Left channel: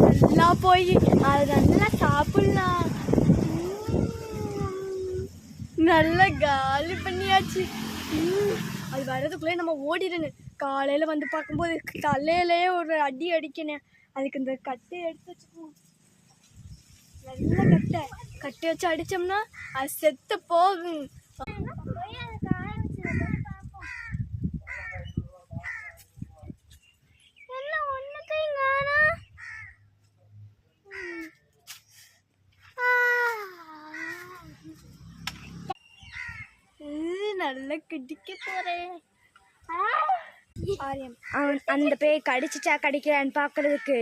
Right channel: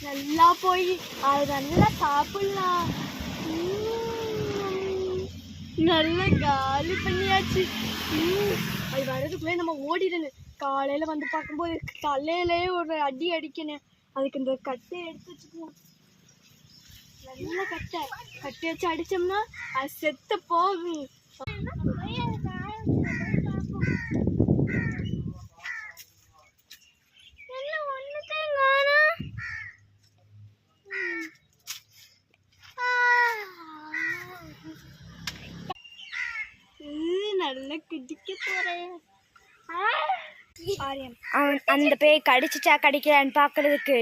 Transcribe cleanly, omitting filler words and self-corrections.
நல்லா போய் அது நல்லா சாப்பிடலாம். நல்லா காலி பண்ணியாச்சு. அது வர்றதுக்குள்ளே நம்ம ஓடிடுங்க. காலையில் வந்து பார்க்கும்போது தலையிலேயே ஒரு அடி அடிக்கணும். அதுக்கு இந்த கட்டை எடுத்து வச்சுக்குவோம். நல்ல கட்டை வச்சு அடித்தோம்னா அது செத்து போகும். நல்லா கிடிக்க போறேன். அவன் அந்த பேய் கடிச்சிச்சா கடிக்கலான்னு பாக்குறதுக்கு